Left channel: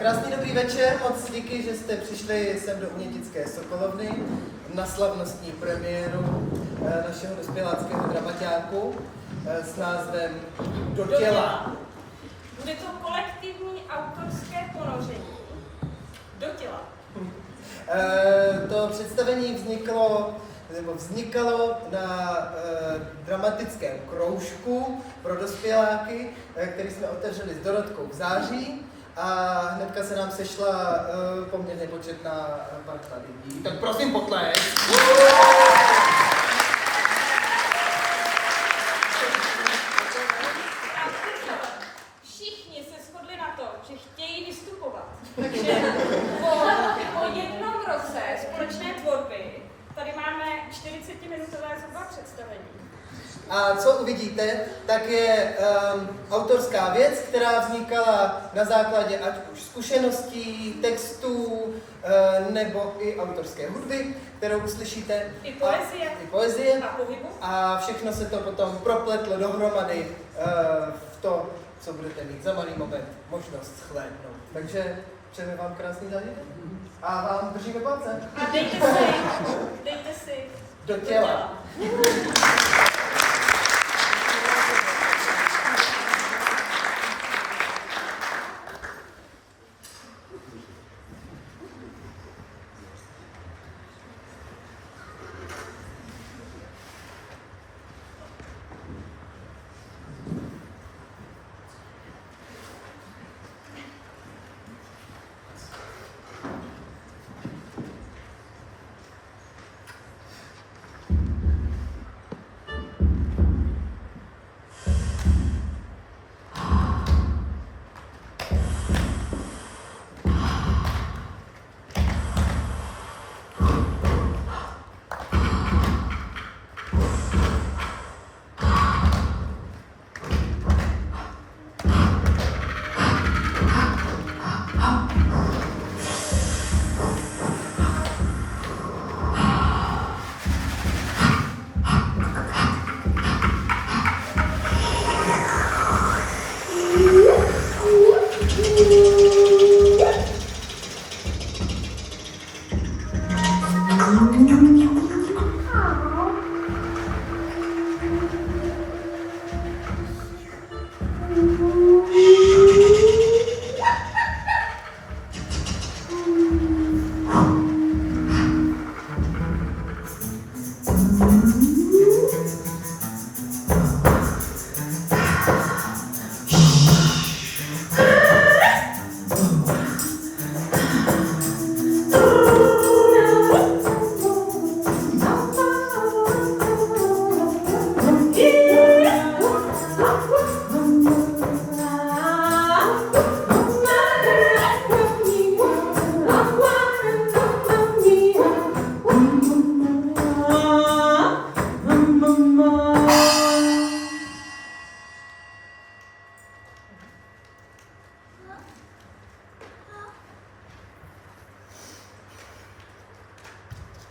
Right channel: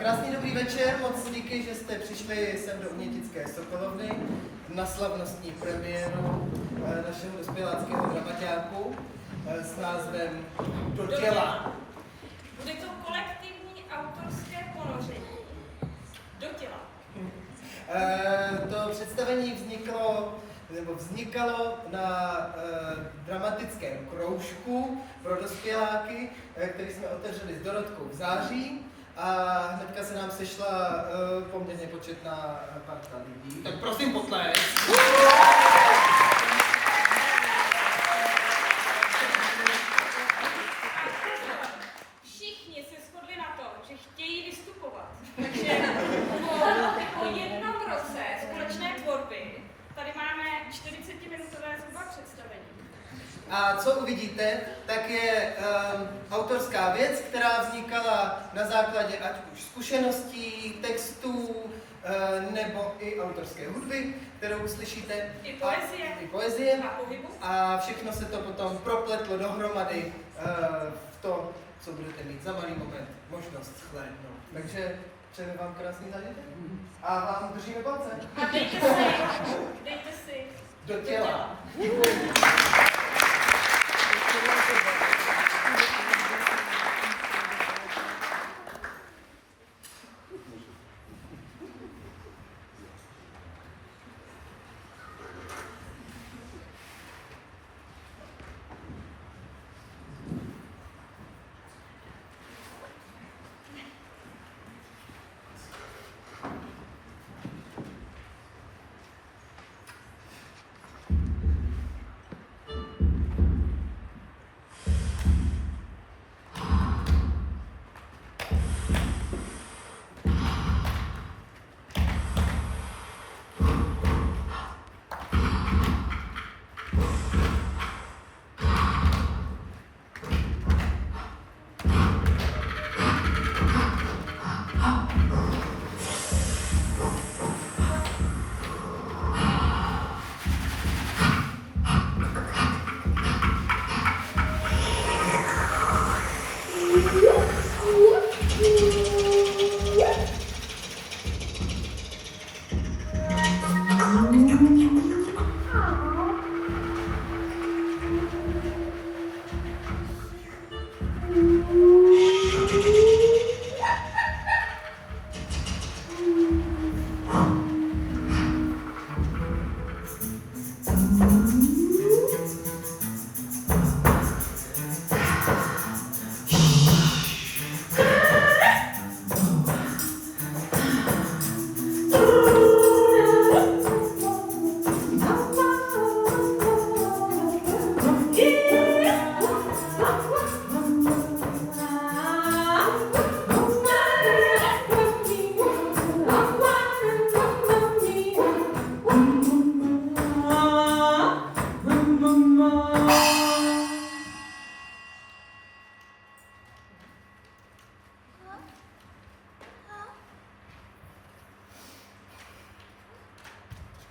Krásný dobrý večer, moc díky, že jste přišli sem do Umětické Sokolovny na slavnostní premiéru našeho dospěláckého dramaťáku s názvem Do těla. Bude to kolektivní autorské ponoření do těla. To představení vznikalo na dramatickém kroužku pro dospěláky, který jsme otevřeli s Dorotkou v září. A hnedka se nám sešla poměrně početná parta lidí. Tak prosím potlesk. Všichni se shodli na tom, že chtějí vystupovat. Takže po jednom roce společné tvorby tady máme 40-minutové zhruba představení. A co uvidíte, tak je autorská věc, která vznikala na základě ať už zkušeností, textů, nebo i autorské hudby, kterou uslyšíte. I poezie. A pohybu. A všechno se to potom propletlo dohromady v to, co budete mít za malý moment možnost shlédnout. Takže přejeme vám krásný zážitek a vám držíme palce. A dejte si Do těla.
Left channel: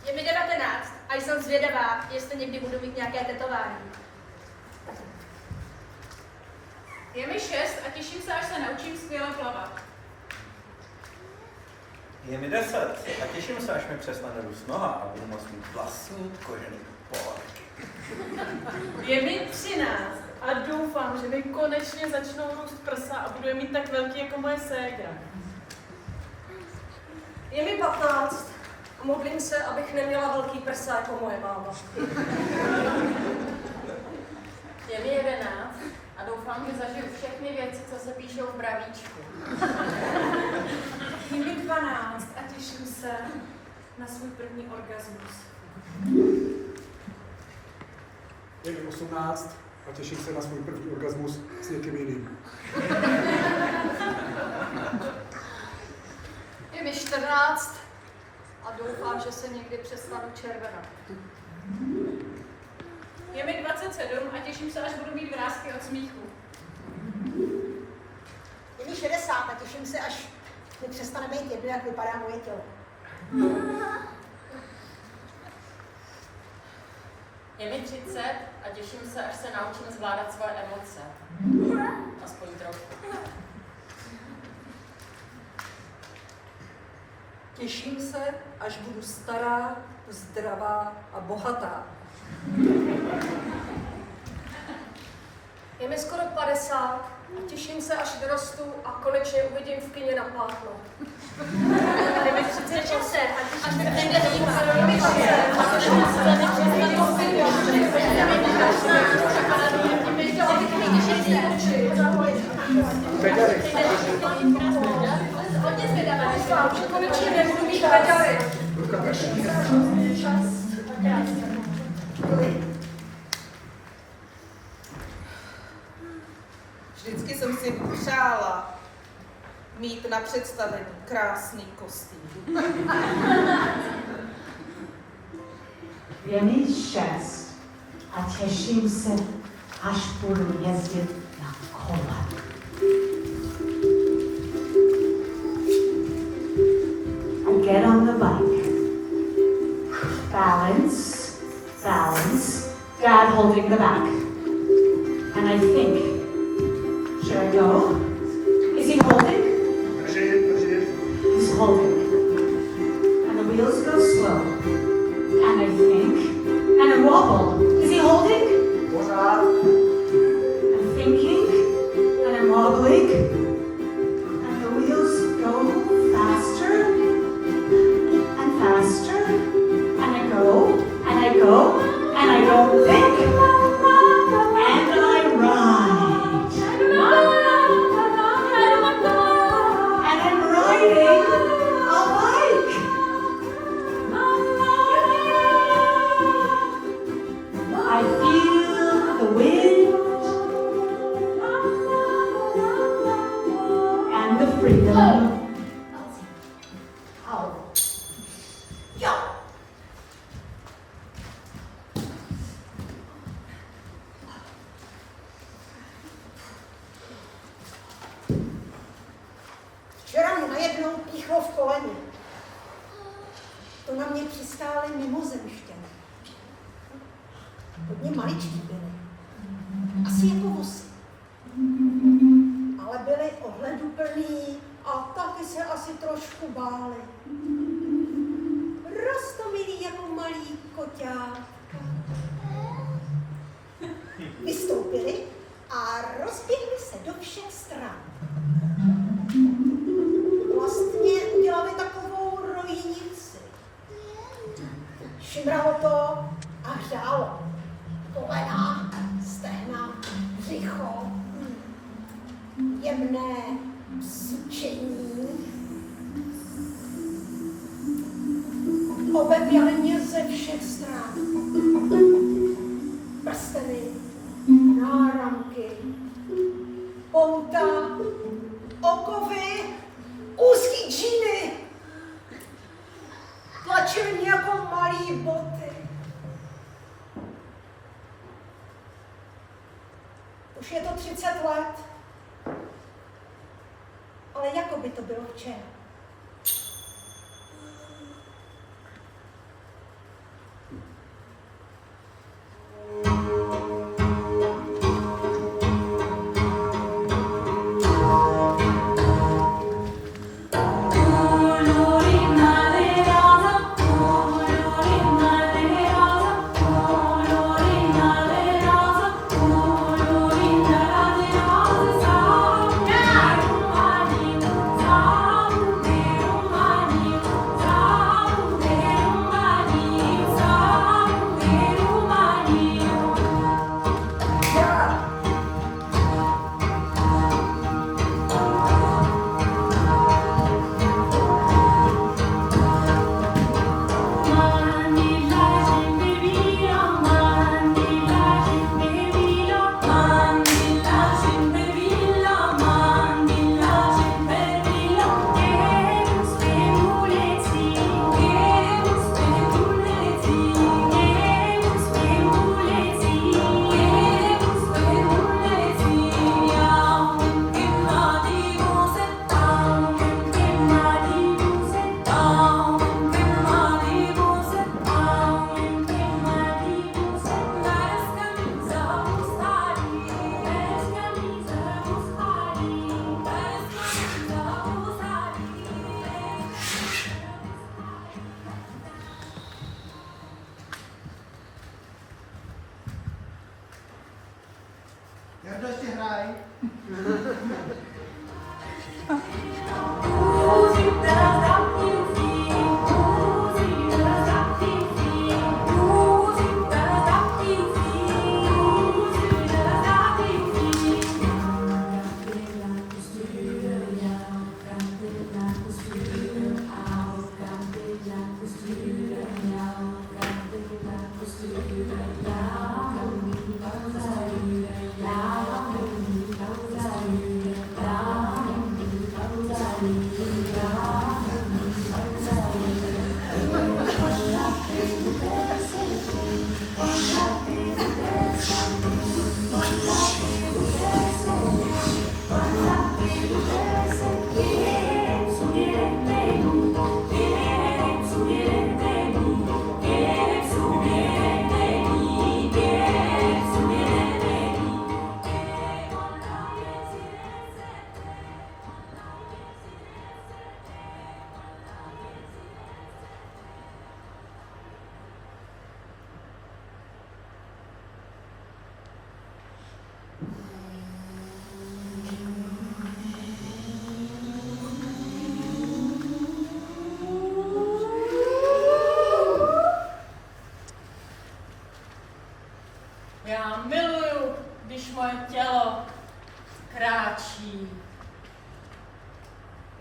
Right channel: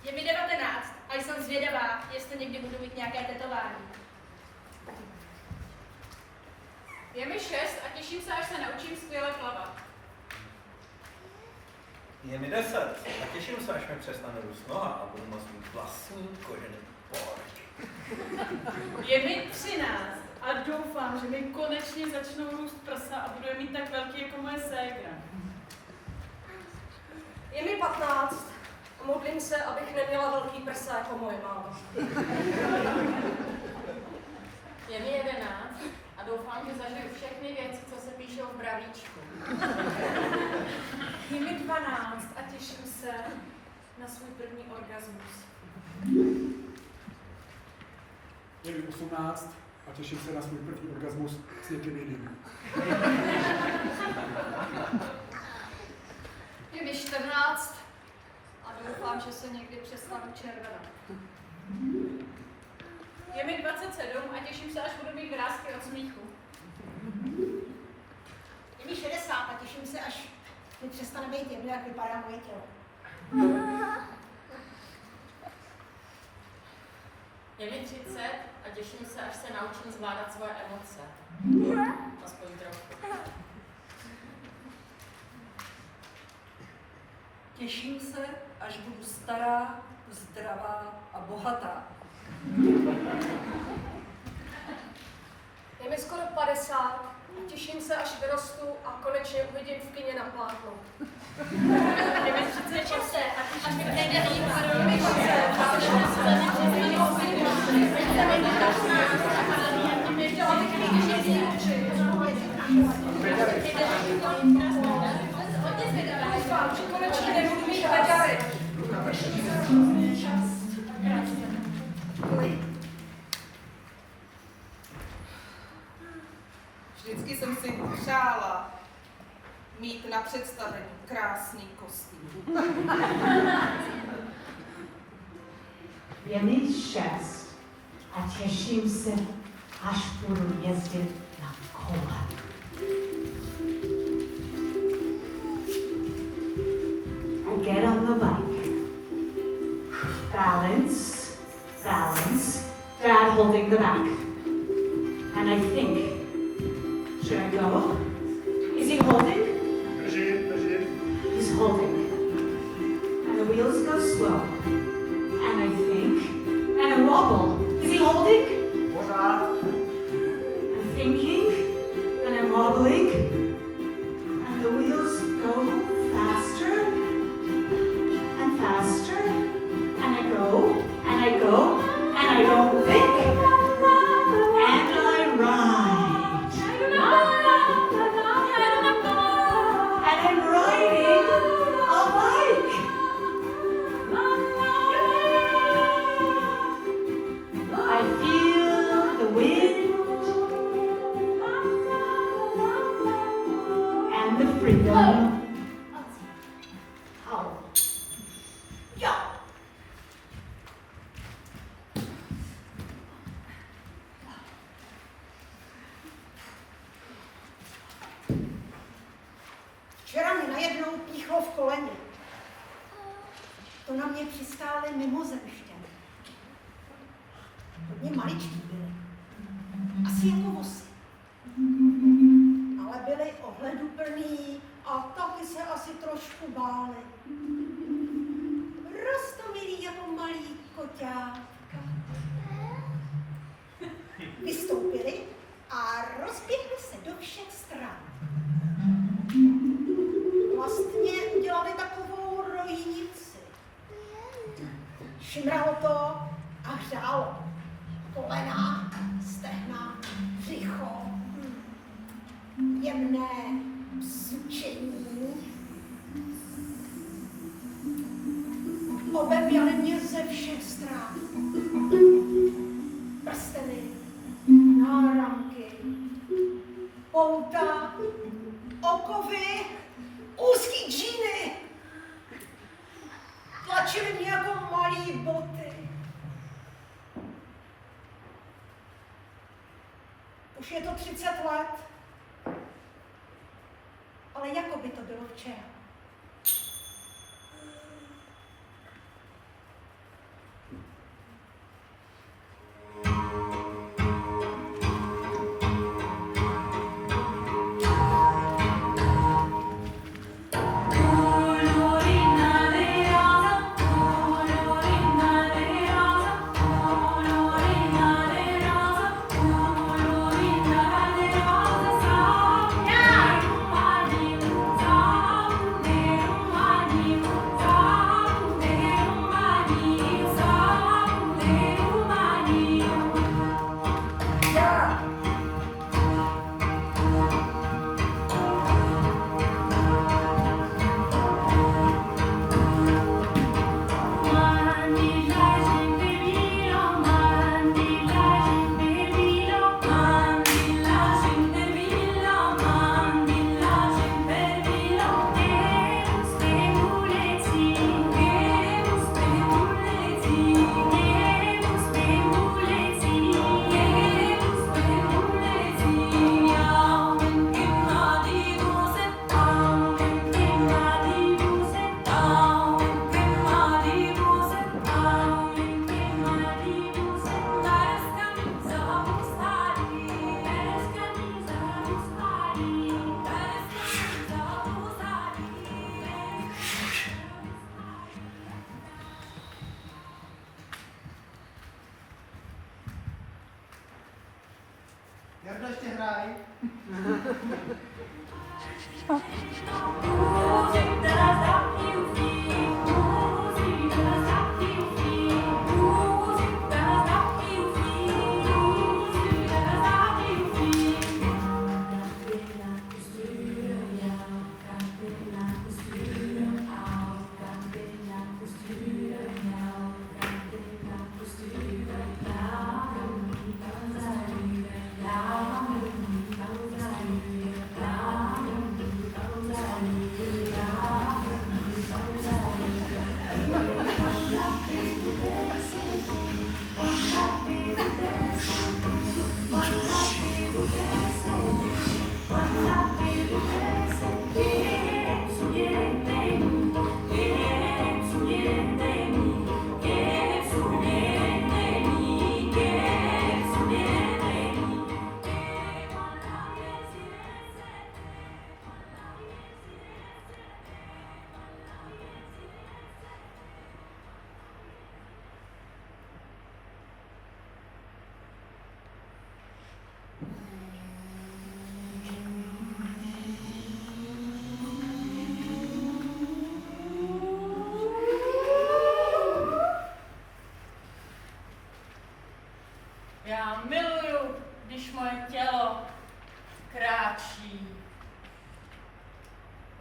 Je mi 19 a jsem zvědavá, jestli někdy budu mít nějaké tetování. Je mi 6 a těším se, až se naučím skvěle plavat. Je mi 10 a těším se, až mi přestane růst noha a budu moct mít vlastní kožený pohorky. Je mi 13 a doufám, že mi konečně začnou růst prsa a budu je mít tak velký jako moje ségra. Je mi 15 a modlím se, abych neměla velký prsa jako moje máma. Je mi 11 a doufám, že zažiju všechny věci, co se píšou v bravíčku. Je mi 12 a těším se na svůj první orgasmus. Je mi 18 a těším se na svůj první orgasmus s někým jiným. Je mi 14 a doufám, že se někdy přestanu červenat. Je mi 27 a těším se, až budu mít vrásky od smíchu. Je mi 60 a těším se, až mi přestane být jedno, jak vypadá moje tělo. Je mi 30 a těším se, až se naučím zvládat svoje emoce. Aspoň trochu. těším se, až budu stará, zdravá a bohatá. Je mi skoro 50 a těším se, až vyrostu a konečně uvidím v kině na plátno. Je mi 38 a mi nejde Hodně zvědavá, doufám, že konečně nebudu mít bedary. Vždycky jsem si přála mít na představení krásný kostým. Je mi 6 a těším se, až budu jezdit na kole. I get on the bike. Balance, balance, Dad holding the back. And I think, should I go? Is he holding? Držím. He's holding. And the wheels go slow. And I think, and I wobble. Is he holding? Pořád. I'm thinking, and I'm wobbling. And the wheels go faster and faster. And I go, and I go, and I don't think. And I ride. And I'm riding a bike. I feel the wind and the freedom. How? Yo! Včera mě najednou píchlo v koleni. To na mě přistály mimozemšťané. Hodně maličký byli. Asi jako vosy. Ale byli ohleduplní a taky se asi trošku báli. Roztomilí jako malý koťátka. Vystoupili a rozběhli se do všech stran. Vlastně udělali takovou rojnici. Šimralo to a hřálo. Kolena, stehna, břicho, jemné sučení. Obevjali mě ze všech stran. Prsteny, náramky, pouta, okovy, úzký džíny. Tlačili mě jako malý boty. Už je to 30 let, ale jako by to bylo včera.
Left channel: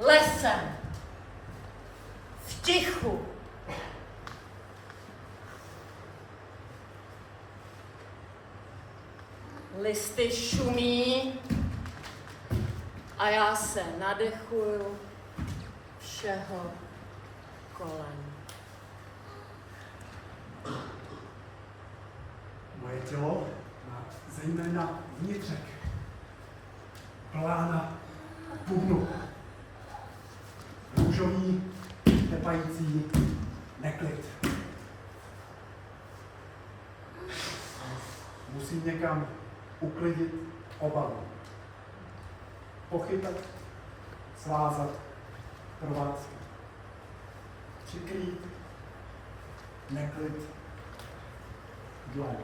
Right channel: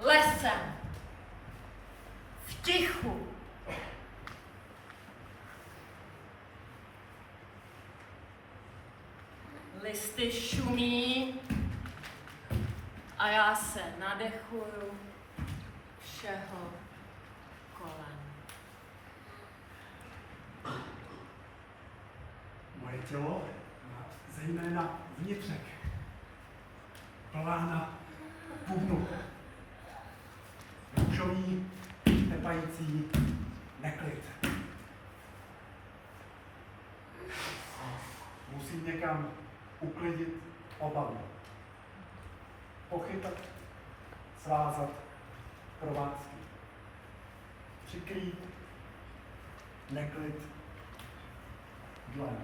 lesem, v tichu. Listy šumí a já se nadechuju všeho kolem. Moje tělo má zejména vnitřek. Plána bubnu. Růžový, tepající neklid. Musím někam uklidit obavu. Pochytat, svázat, provázky. Přikrýt, neklid, dlaň.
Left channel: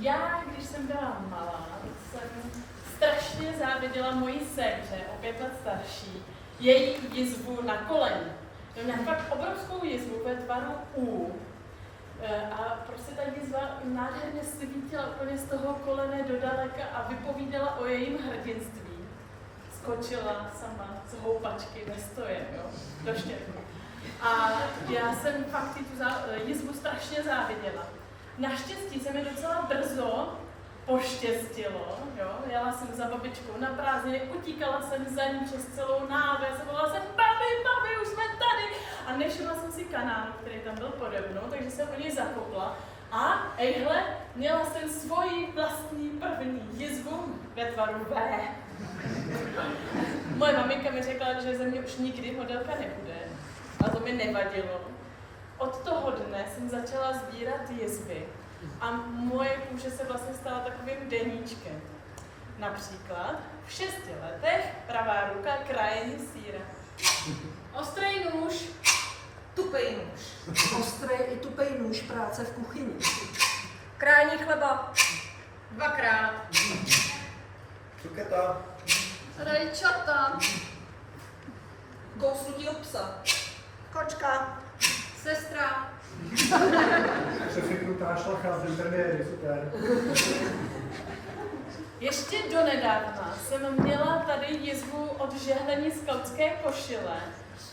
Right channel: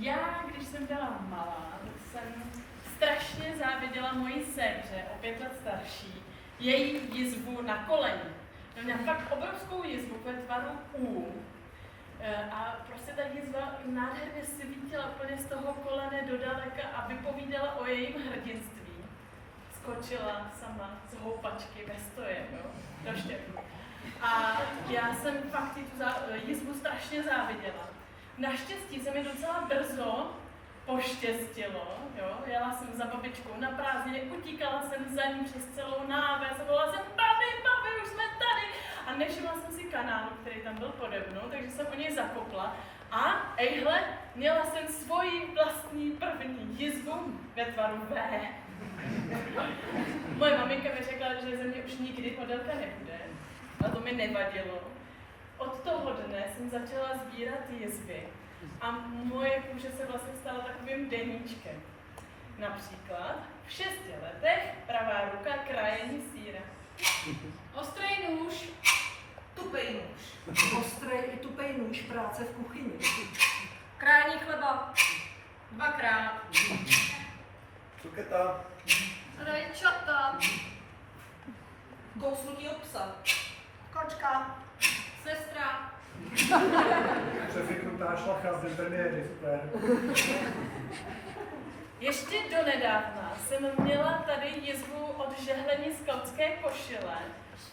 Já, když jsem byla malá, tak jsem strašně záviděla mojí dceře, o 5 let starší, její jizvu na koleni. Měla fakt obrovskou jizvu ve tvaru U. A prostě ta jizva nádherně svítila úplně z toho kolene do daleka a vypovídala o jejím hrdinství. Skočila sama z houpačky ve stojem, jo, do štěpku. A já jsem fakt tu jizvu strašně záviděla. Naštěstí se mi docela brzo poštěstilo, jo. Jela jsem za babičkou na prázdniny, utíkala jsem za ní přes celou náves, volala jsem babi, už jsme tady. A nevšimla jsem si kanálu, který tam byl pode mnou, takže jsem o něj zakopla. A ejhle, měla jsem svoji vlastní první jizvu ve tvaru V. Moje maminka mi řekla, že ze mě už nikdy modelka nebude. A to mi nevadilo. Od toho dne jsem začala sbírat jizvy a moje kůže se vlastně stala takovým deníčkem. Například v 6 letech pravá ruka krájení sýra. Ostrý nůž. Tupej nůž. Ostrý i tupej nůž, práce v kuchyni. Krájení chleba. 2krát. Cuketa. Rajčata. Kousnutí psa. Kočka. Sestra. Přefiknutá šlacha z internéry, super. Ještě donedávna jsem měla tady jizvu od žehlení skautské košile.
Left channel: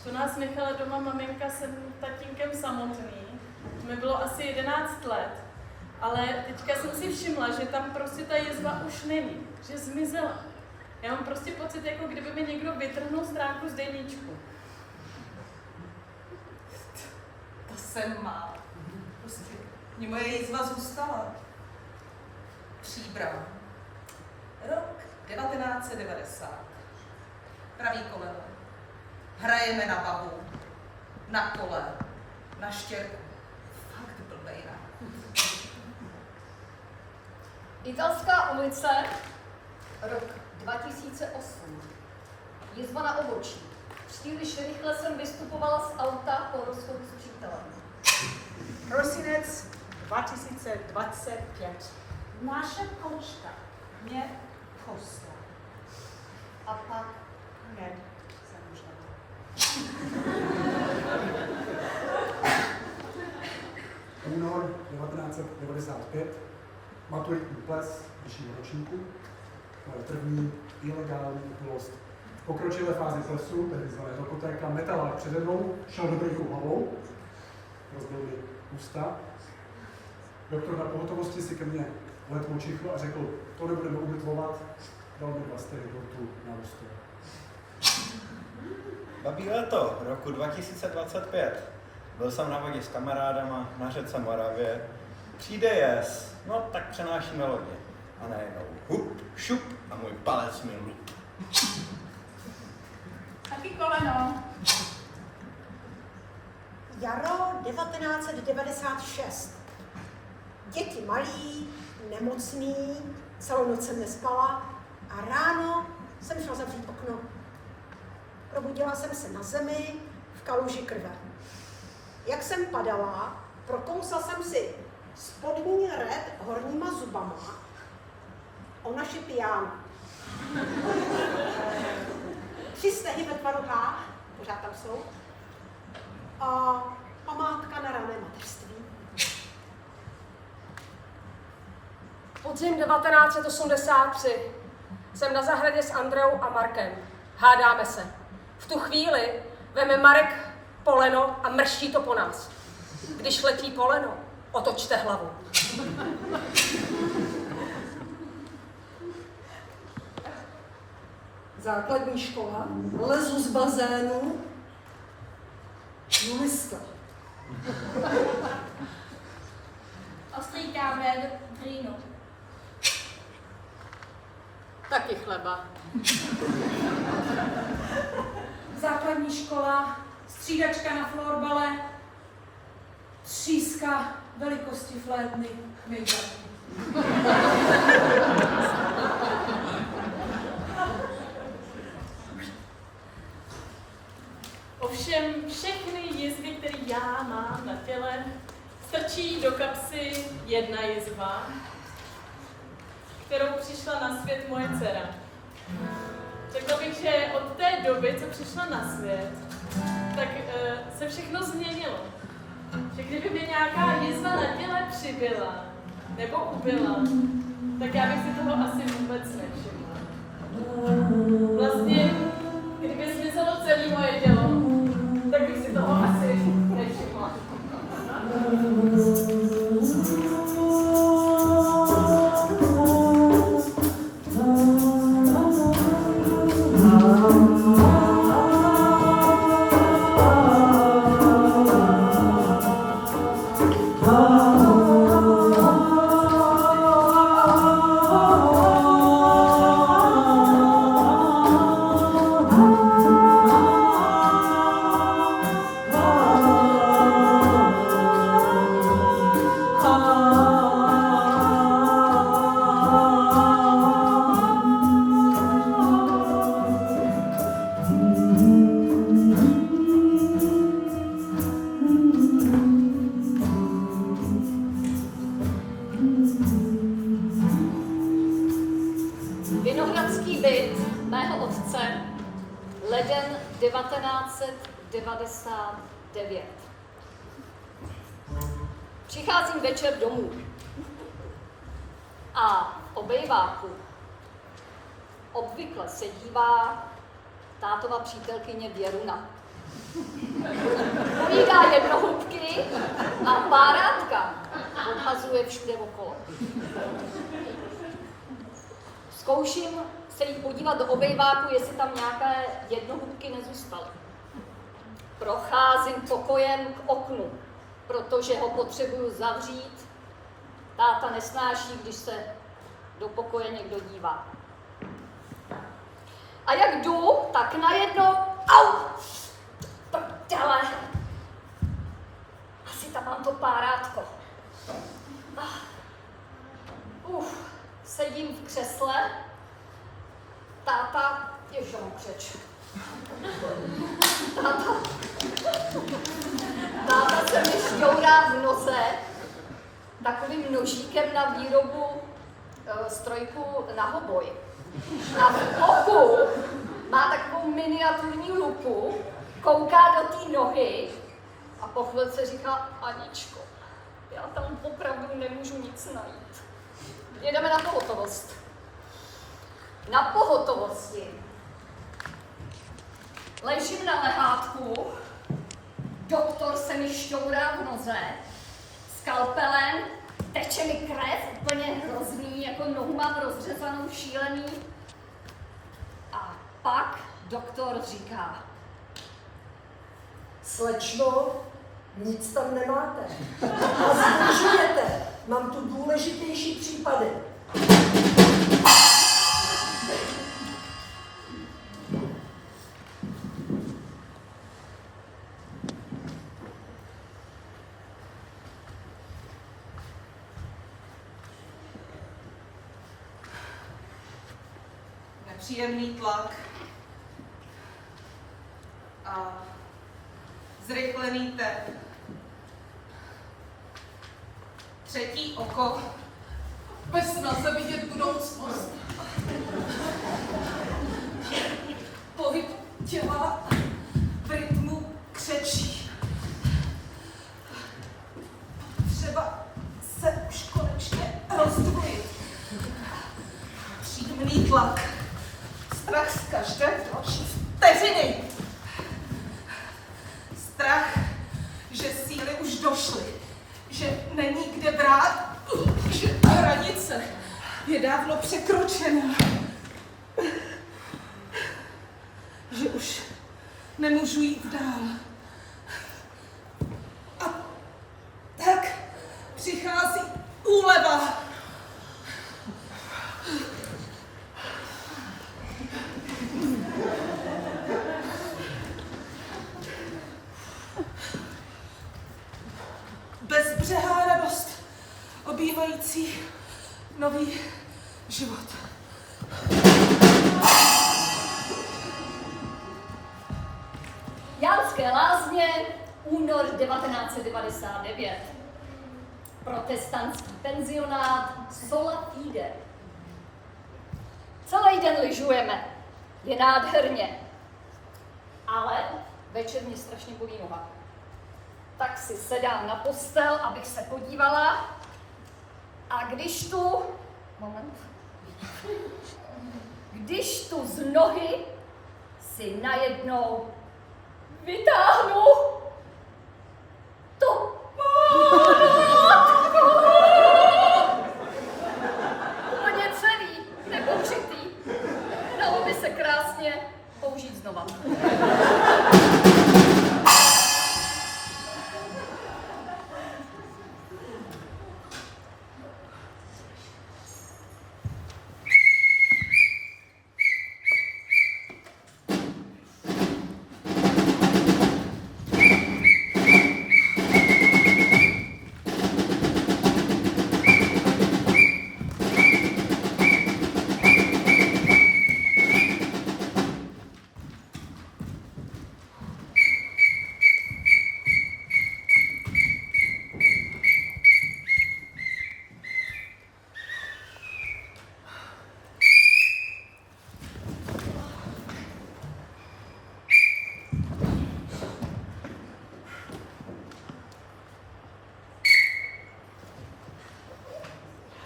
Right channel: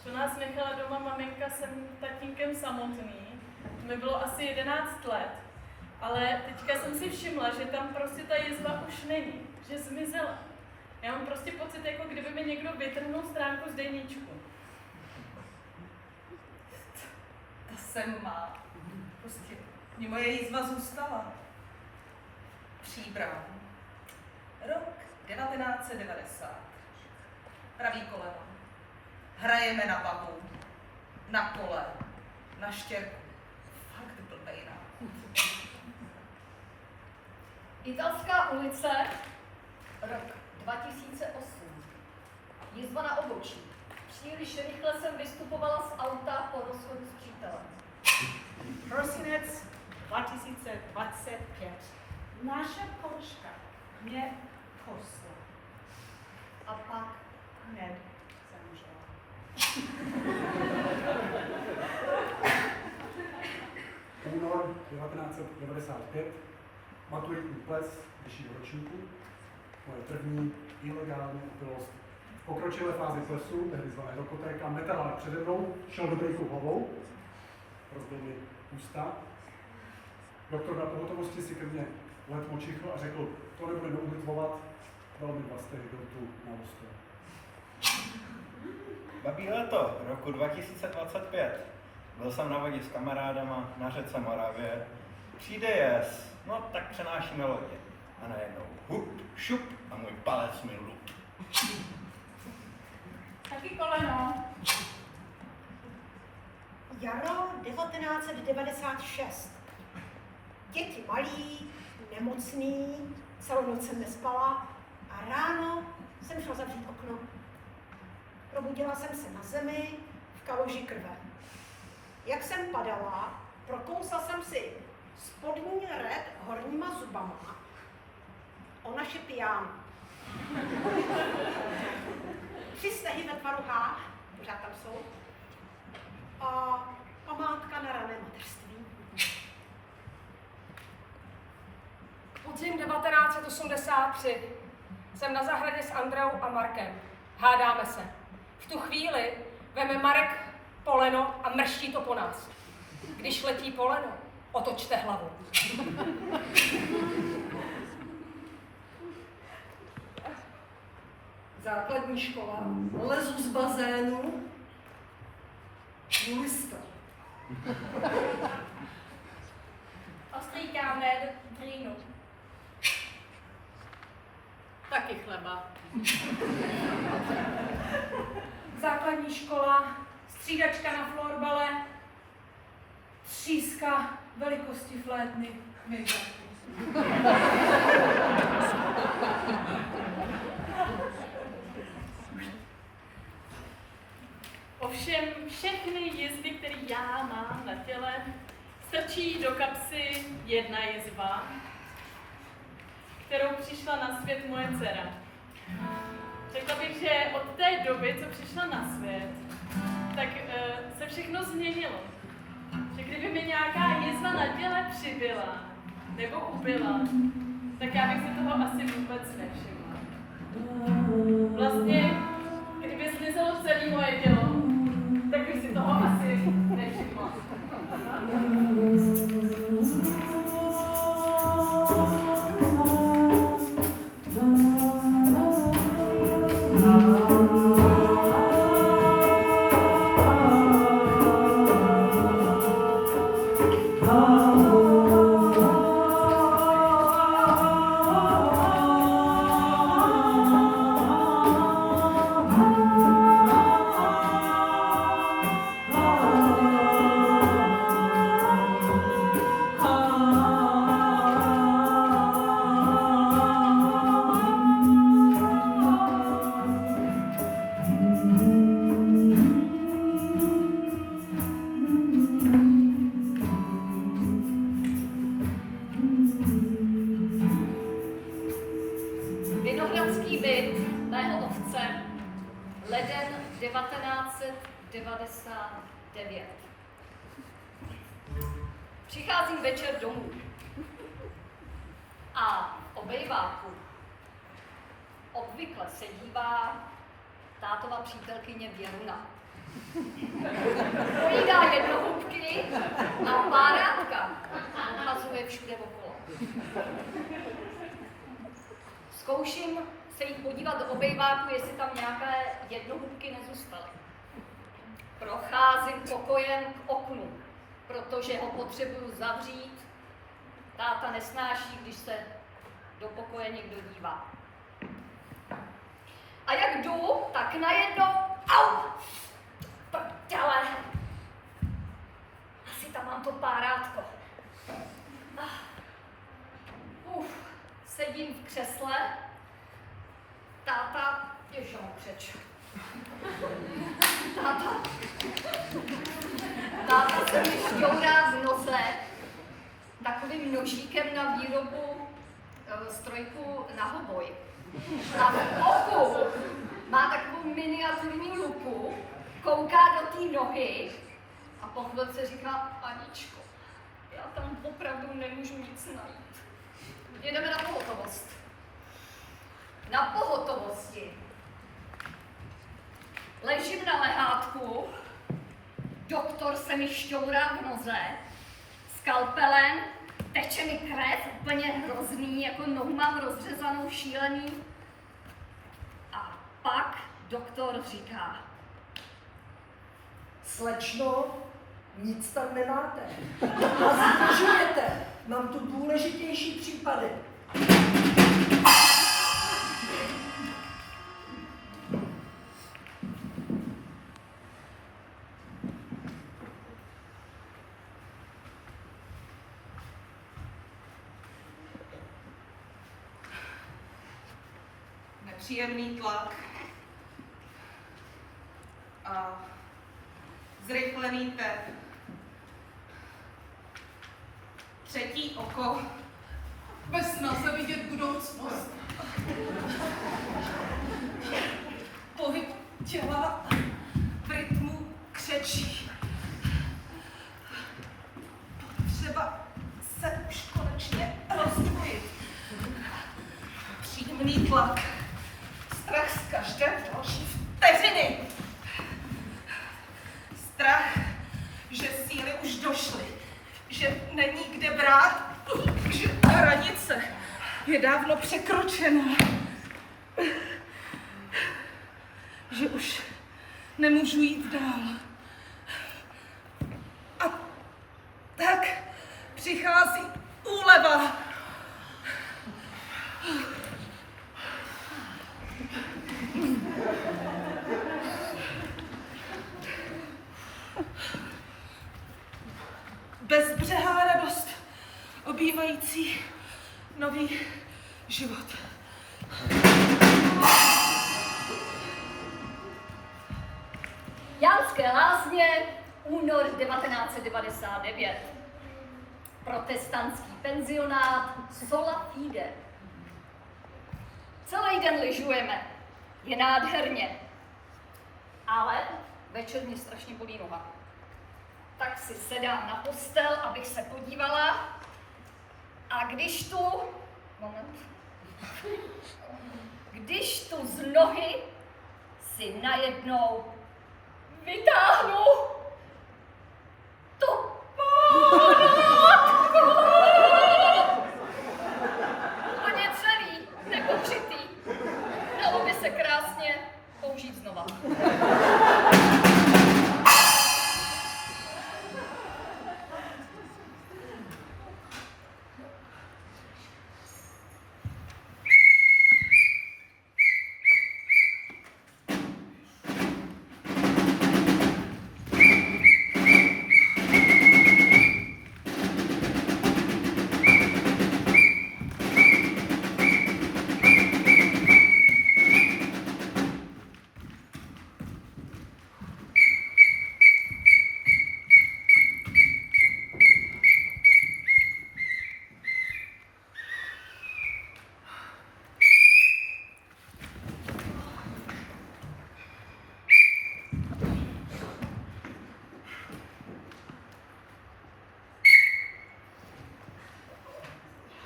To nás nechala doma maminka s tatínkem samotný. To mi bylo asi 11 let. Ale teďka jsem si všimla, že tam prostě ta jizva už není, že zmizela. Já mám prostě pocit, jako kdyby mi někdo vytrhnul stránku z deníčku. To jsem má. Prostě mě moje jizva zůstala. Příbram. Rok 1990. Pravý koleno. Hrajeme na babu, na kole, na štěrku. Fakt blbej, ne? Italská ulice, rok 2008. Jizva na obočí. Příliš rychle jsem vystupovala z auta po rozchodu s přítelem. Prosinec 2025. Naše kočka mě kosla. A pak Ned zemřel. Únor 1995, maturitní ples vyššího ročníku, moje první ilegální opilost. V pokročilé fázi plesu, tehdy zvané rokotéka, metalák přede mnou šel do brejku hlavou, rozbil mi ústa. Doktor na pohotovosti si ke mně letmo čichl a řekl, to nebudeme umytvovat, dal mi 2 stehy dortu na ústě. Babí léto roku 2025. Byl jsem na vodě s kamarádama na řece Moravě. Přijde jes, no tak přenášíme lodě. A najednou hup, šup a můj palec mi lup. Taky koleno. jaro 1996. Děti malí, nemocný, celou noc jsem nespala a ráno jsem šla zavřít okno. Probudila jsem se na zemi v kaluži krve. Jak jsem padala, prokousla jsem si spodní red horníma zubama o naši pijánu. 3 stehy ve tvaru H, pořád tam jsou, a památka na rané mateřství. Podzim 1983. Jsem na zahradě s Andreou a Markem. Hádáme se. V tu chvíli veme Marek poleno a mrští to po nás. Když letí poleno, otočte hlavu. Základní škola, lezu z bazénu, Juliska. Ostrýkáme do dřínu. Taky chleba. Základní škola, střídačka na florbale, tříska velikosti flétny, mydla. Ovšem všechny jizvy, které já mám na těle, strčí do kapsy jedna jizva, kterou přišla na svět moje dcera. Řekla bych, že od té doby, co přišla na svět, tak se všechno změnilo. Že kdyby mi nějaká jizva na těle přibyla nebo ubyla, tak já bych si toho asi vůbec nevšimla. Vlastně, kdyby zmizelo celé moje tělo, tak bych si toho asi nevšimla. Vinohradský byt mého otce, leden 1999. Přicházím večer domů a v obejváku obvykle se dívá tátova přítelkyně Věruna. Povídá jednohubky a párátka odhazuje všude okolo. Zkouším se jí podívat do obejváku, jestli tam nějaké jednohubky nezůstaly. Procházím pokojem k oknu, protože ho potřebuju zavřít. Táta nesnáší, když se do pokoje někdo dívá. A jak jdu, tak najednou, au, prdele, asi tam mám to párátko. Sedím v křesle, táta, ježiš, mám křeč. Táta se mi šťourá v noze takovým nožíkem na výrobu strojku na hoboj. A v oku má takovou miniaturní lupu, kouká do té nohy a po chvilce říká: Aničko, já tam opravdu nemůžu nic najít. Jedeme na pohotovost. Na pohotovosti ležím na lehátku, doktor se mi šťourá v noze, skalpelem, teče mi krev, úplně hrozný, jako nohu mám rozřezanou, šílený. A pak doktor říká: Slečno, nic tam nemáte. A zdržujete. Mám tu důležitější případy. Nepříjemný tlak a zrychlený tep. Třetí oko bez snaze vidět budoucnost. Pohyb těla v rytmu křečí. Potřeba se už konečně rozdvojit. Příjemný tlak strach z každé další vteřiny. Strach, že síly už došly, že není kde brát, že hranice je dávno překročena, že už nemůžu jít dál. A tak přichází úleva. Bezbřehá radost, obývající nový život. Jánské Lázně, únor 1999. Protestantský penzionát Sola Fide. Celý den lyžujeme. Je nádherně. Ale večer mě strašně bolí noha. Tak si sedám na postel, abych se podívala. A když tu z nohy si najednou vytáhnu to pánátko. Úplně celý, nepokřitý. Dalo by se krásně použít znova.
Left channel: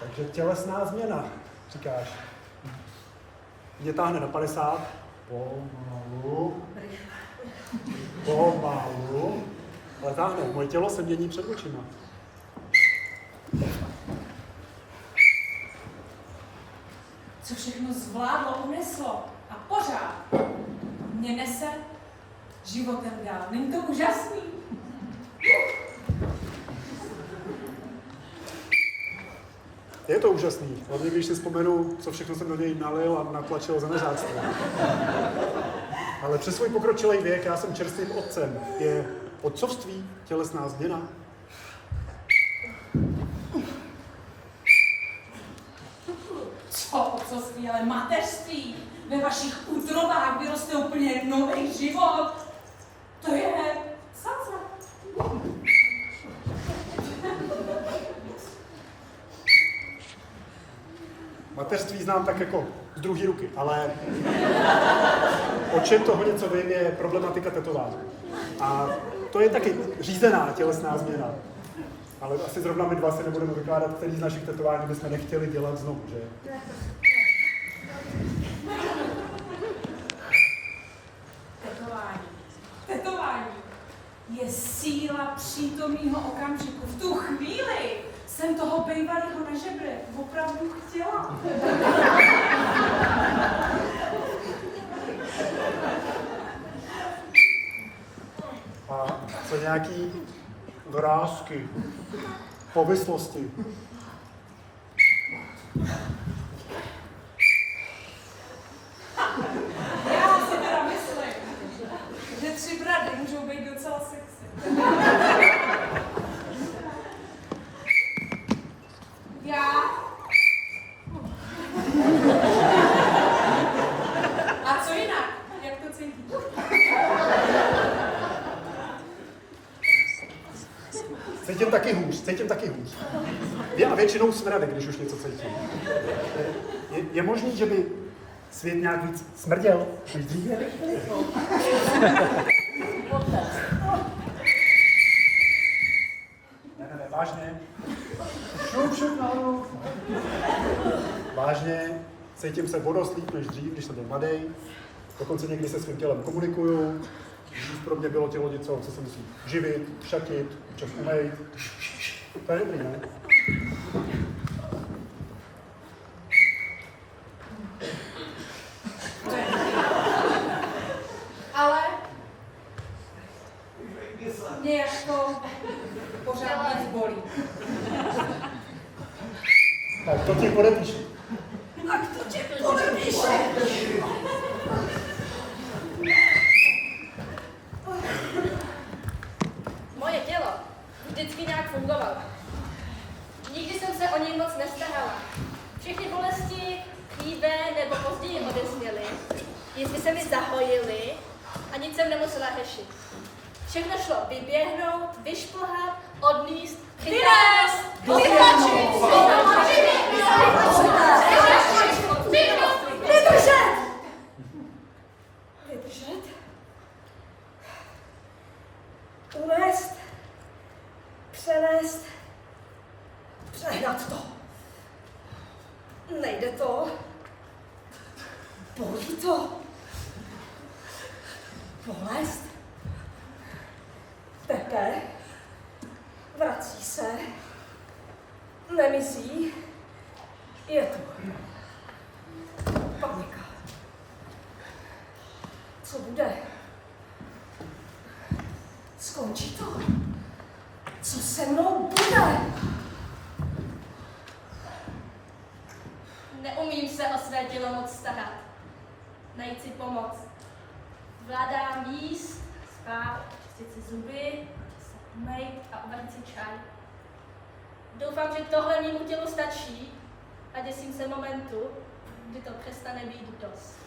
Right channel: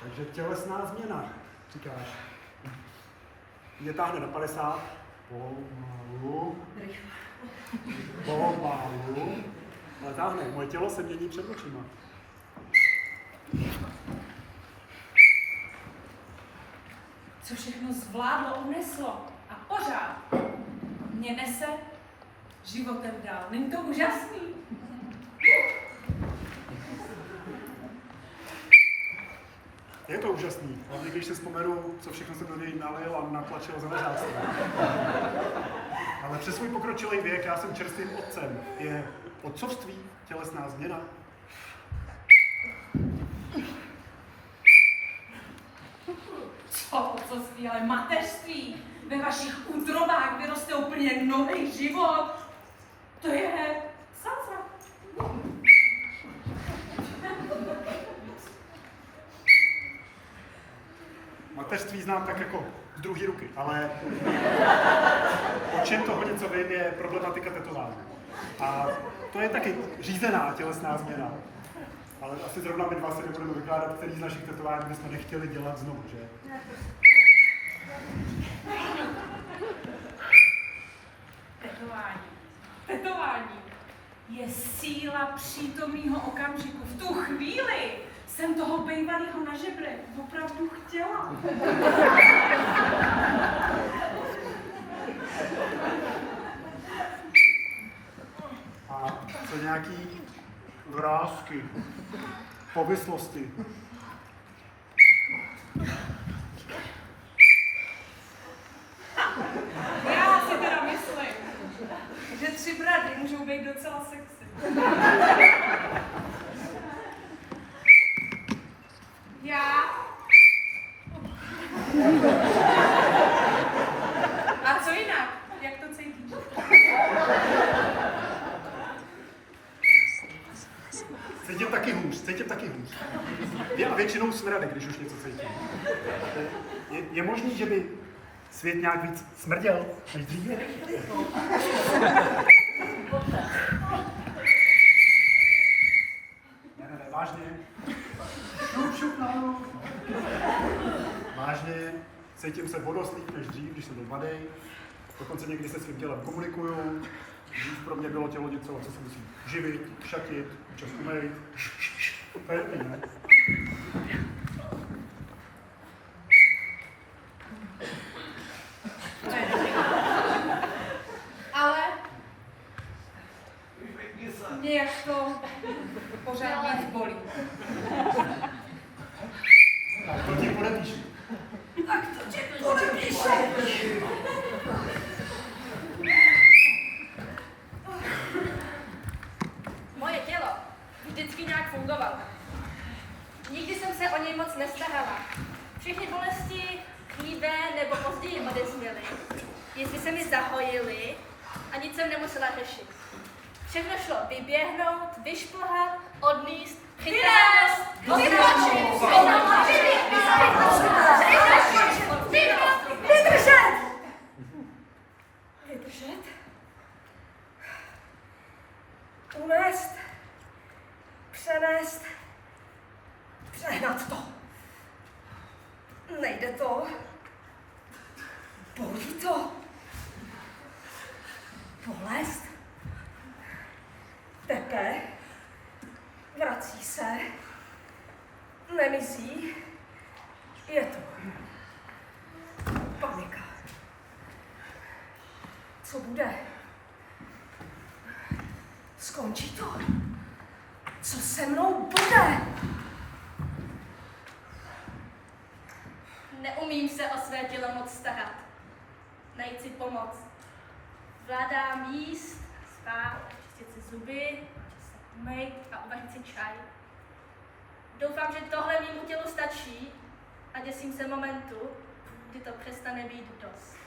Takže tělesná změna, říkáš. Mě táhne na 50, pomalu, ale táhne. Moje tělo se mění před očima. Co všechno zvládlo, uneslo a pořád mě nese životem dál. Není to úžasný? Je to úžasný, hlavně když si vzpomenu, co všechno jsem do něj nalil a natlačil za neřáctví. Ale přes svůj pokročilý věk já jsem čerstvým otcem. Je otcovství tělesná změna? Co otcovství, ale mateřství. Ve vašich útrobách vyroste úplně nový život. To je salsa. Mateřství znám tak jako z druhé ruky, ale o čem toho něco vím, je problematika tetování. A to je taky řízená tělesná změna. Ale asi zrovna my dva si nebudeme vykládat, který z našich tetování bychom nechtěli dělat znovu, že? Tetování je síla přítomného okamžiku. V tu chvíli jsem toho bejvalého na žebre opravdu chtěla. A co nějaký vrásky, povislosti. Já si teda myslím, že 3 brady můžou být docela sexy. Já. A co jinak? Jak to cítíš? Cítím taky hůř. Já většinou smradek, když už něco cítím. Je možný, že by svět nějak víc smrděl než dříve? Ne, vážně. Šup, nahoru. Vážně, Cítím se vodost líp než dřív, když jsem byl mladý. Dokonce někdy se svým tělem komunikuju. Dřív pro mě bylo tělo něco, co se musí živit, šatit, občas umejt. To je dobrý, ne? Ale mě jako pořád víc bolí. Tak to ti podepíšu. Tak to ti podepíšu. Moje tělo vždycky nějak fungovalo. Nikdy jsem se o něj moc nestarala. Všechny bolesti dříve nebo později odezněly. Jestli se mi zahojily a nic jsem nemusela řešit. Všechno šlo vyběhnout, vyšplhat, odníst, chytat, vytlačit, vydržet! Vydržet? Unést, přenést, přehnat to. Nejde to. Bolí to. Bolest. Tepe. Vrací se. Nemizí. Je to. Panika. Co bude? Skončí to. Co se mnou bude? Neumím se o své tělo moc starat. Najít si pomoc. Vládám jíst, spát, čistit si zuby, se umýt a uvařit si čaj. Doufám, že tohle mému tělu stačí a děsím se momentu, kdy to přestane být dost.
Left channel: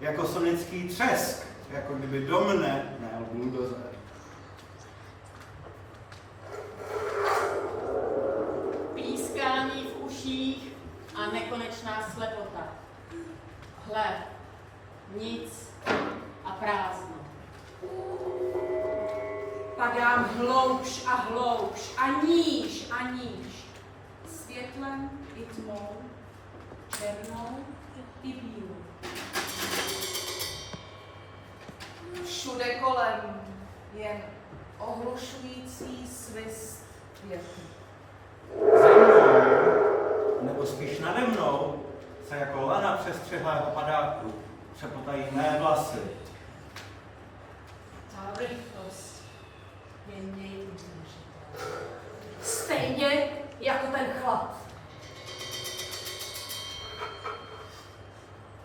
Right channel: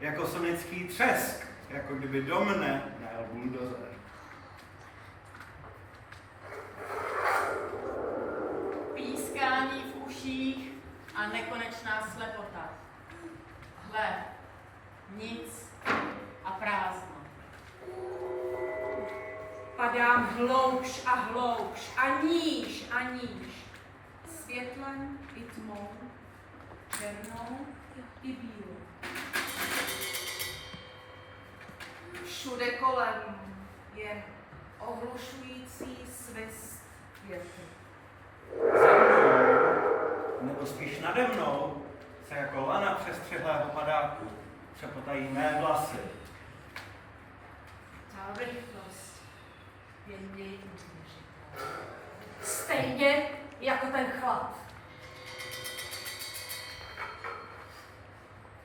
Jako sonický třesk, jako kdyby do mne najel buldozer. Pískání v uších a nekonečná slepota. Hle, nic a prázdno. Padám hloubš a hloubš a níž a níž. Světlem i tmou, černou i bílou. Všude kolem je ohlušující svist větru. Za mnou, nebo spíš nade mnou, se jako lana přestřihlého padáku přepotají mé vlasy. Ta rychlost je neuvěřitelná. Stejně jako ten chlap.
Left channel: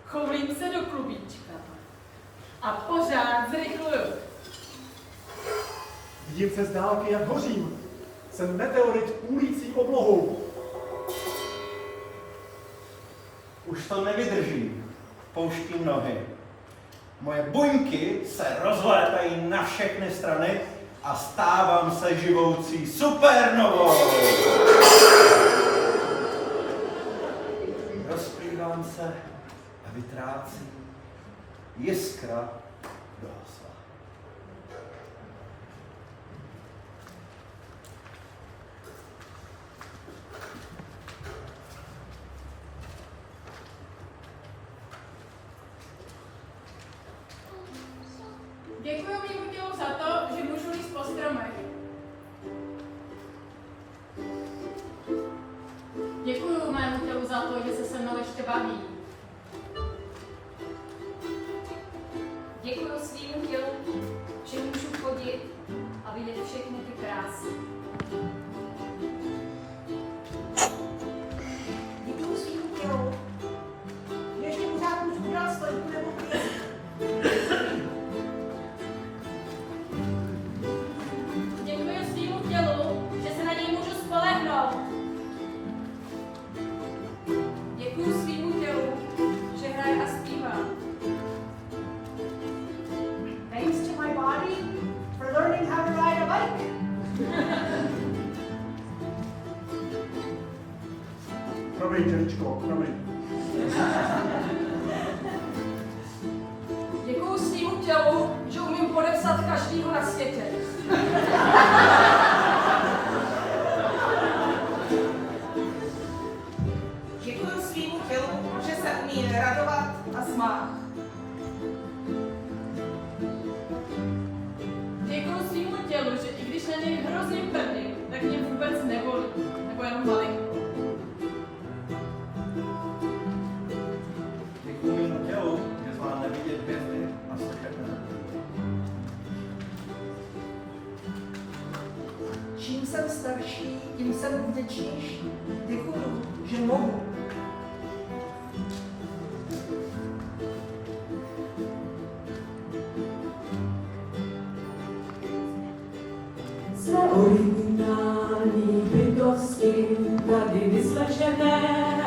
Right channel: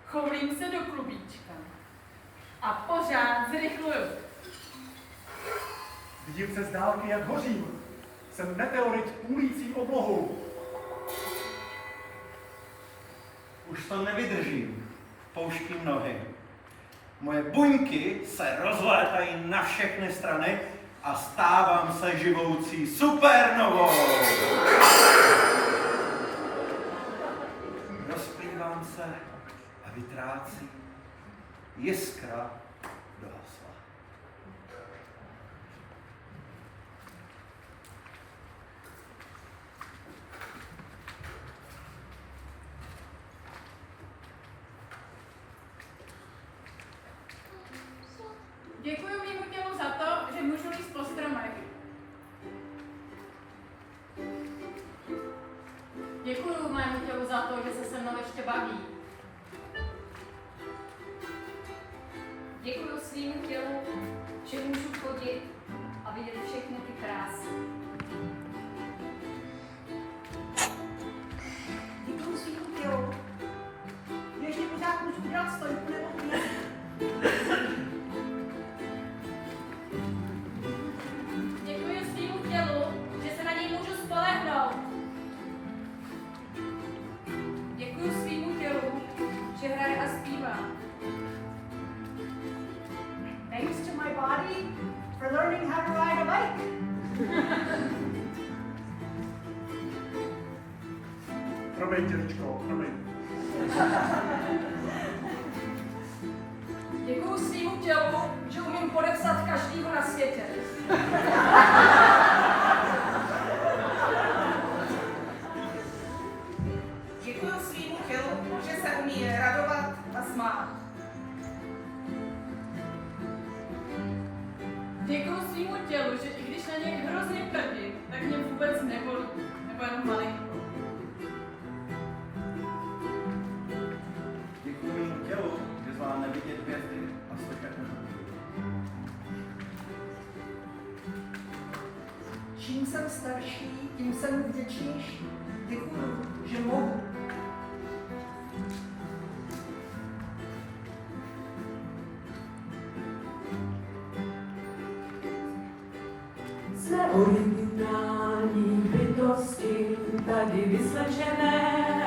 Chovím se do klubíčka a pořád zrychluju. Vidím se z dálky, jak hořím. Jsem meteorit půlící podlohou. Už to nevydržím, pouštím nohy. Moje buňky se rozlétají na všechny strany a stávám se živoucí supernovou. Rozplývám se a vytrácím jiskra dohasla. Děkuji mému tělu za to, že můžu jít po stromech. Děkuji mému tělu za to, že se mnou ještě baví. Děkuji svýmu tělu, že můžu chodit a vidět všechny ty krásy. Děkuji svýmu tělu, že ještě pořád můžu udělat stojku nebo klízku. Děkuji svýmu tělu, že se na něj můžu spolehnout. Zvěřečko, promiň. Děkuju svýmu tělu, že umím podepsat každýho na světě. Děkuju svýmu tělu, že se umí radovat a smát. Děkuju svýmu tělu, že i když na něj hrozně prdím, tak mě vůbec nebolí, nebo jenom malinko. Děkuji mému tělu, že zvládne vidět hvězdy a slyšet mne. Čím jsem starší, tím jsem vděčnější. Děkuju, že mohu. Jsme originální bytosti, tady vyslečené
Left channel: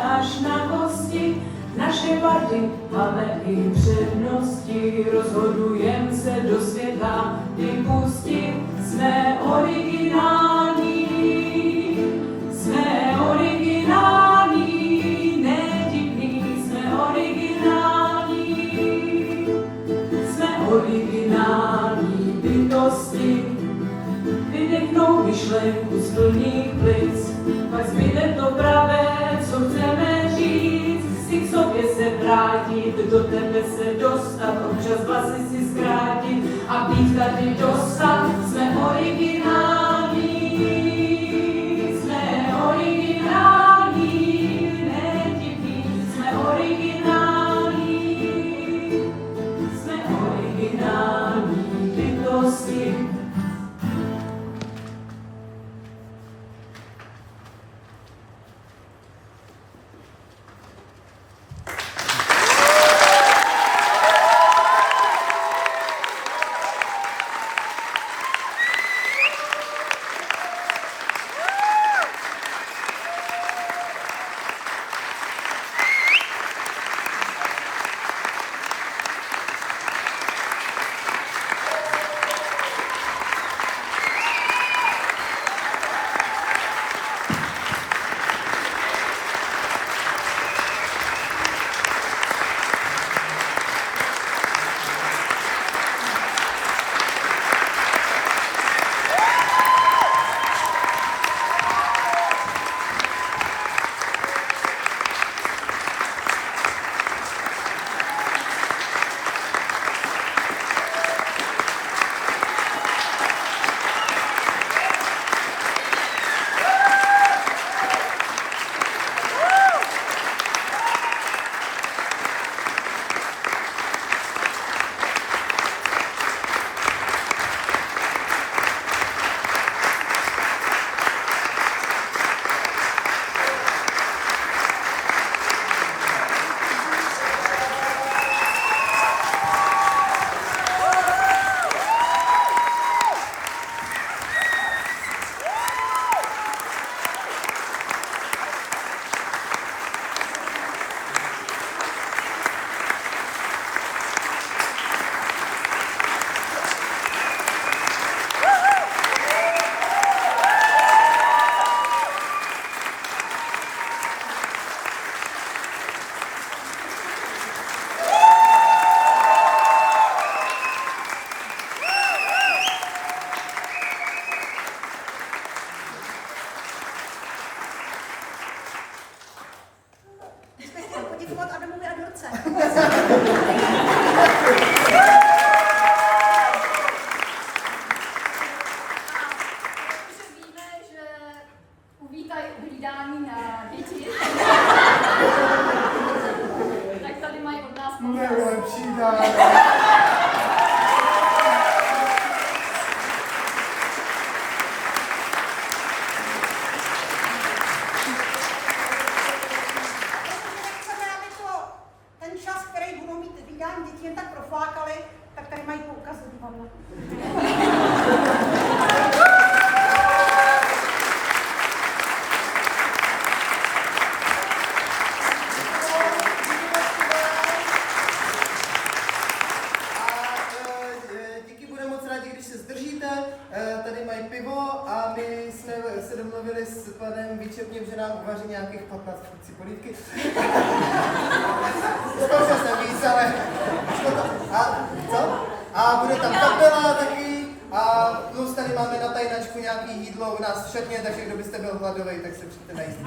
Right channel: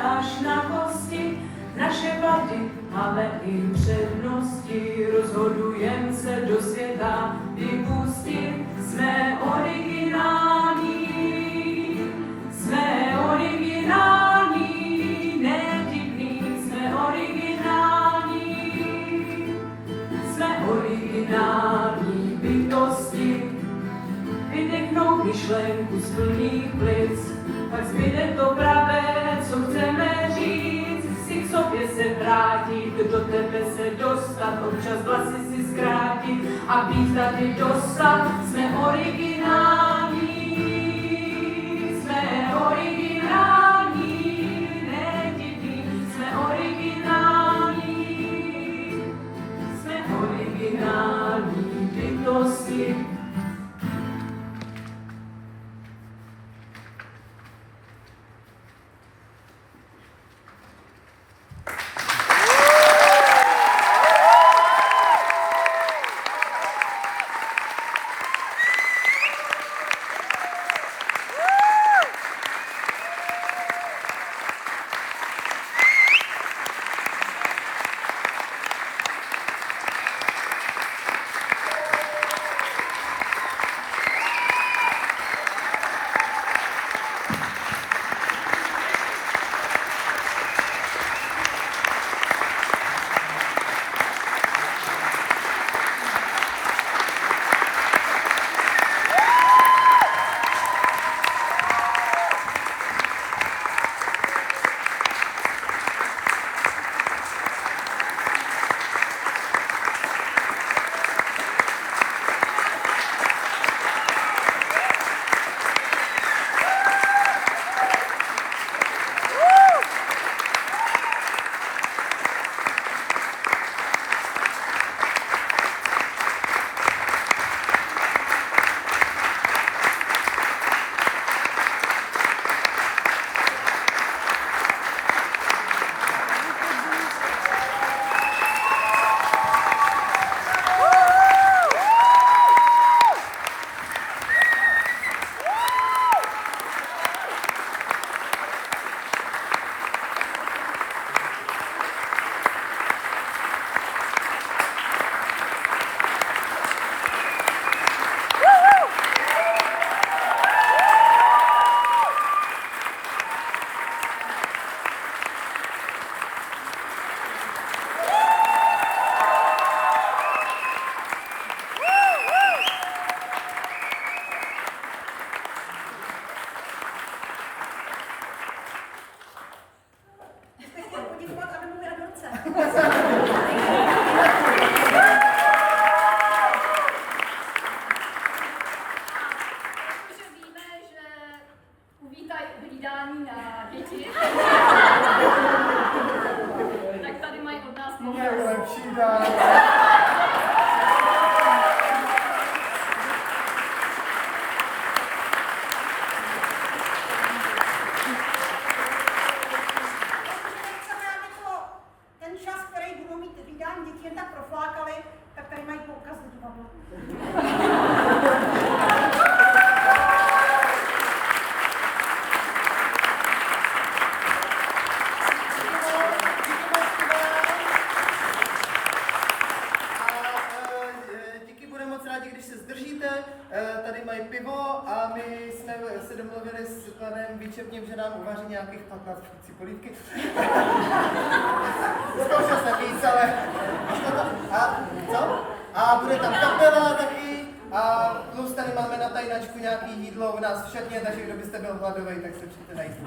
až na kosti. Naše vady, ale i přednosti, rozhodujem se do světa vypustit. Jsme originální, nedivný, jsme originální bytosti. Vydechnou myšlenku z plných plic, pak zbyde to pravé, co chceme říct. Si k sobě se vrátit, do tebe se dostat, občas vlasy si zkrátit a být tady dostat. Jsme originální, nedivný, jsme originální bytosti. slibním, že nám uvaří nějakých 15 porcí polívky. Zkoušel jsem víc, ale šlo to. A co? A bude tam kapela taky. A plus tady máme na tajnačku nějaký jídlo u nás v šatně, takže kdo byste byl hladový, tak se přijďte najíst.